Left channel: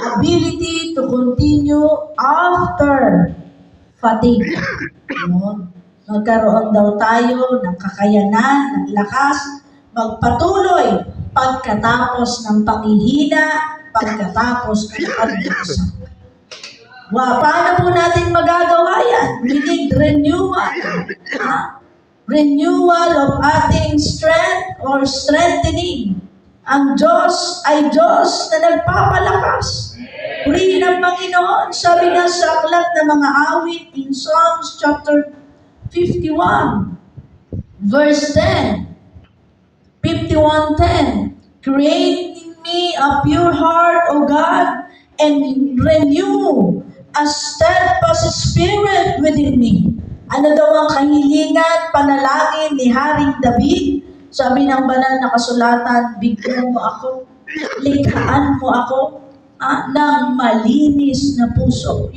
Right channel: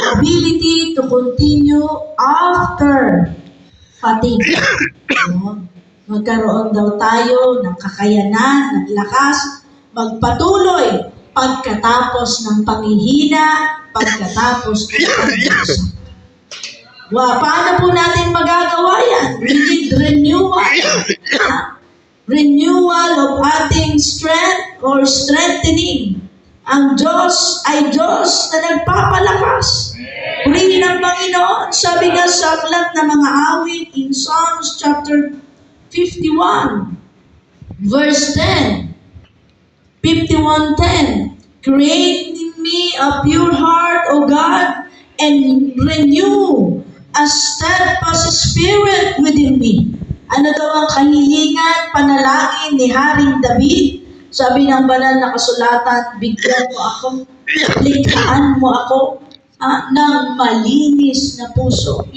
ability to continue after fatigue. No? Magkaroon daw tayo ng kakayanan, ng lakas, magpatuloy pagkatapos ng panghihina, pagkatapos ng pagkakasakit. Paano po natin magagawa yan? We need renewal. Renewal of ating strength or strengthening. Ang Diyos ay Diyos na nagpapalakas. Purihin ang Panginoon. Sabi nga sa aklat ng mga awit in Psalms chapter 51, verse 10. 51:10. Create in me a pure heart, O God, and renew a steadfast spirit within me. Ano daw ang kahilingan, panalangin ni Haring David? Sabi ng banal na kasulatan, bigyan mo ako, likhaan mo ako ng malinis na puso.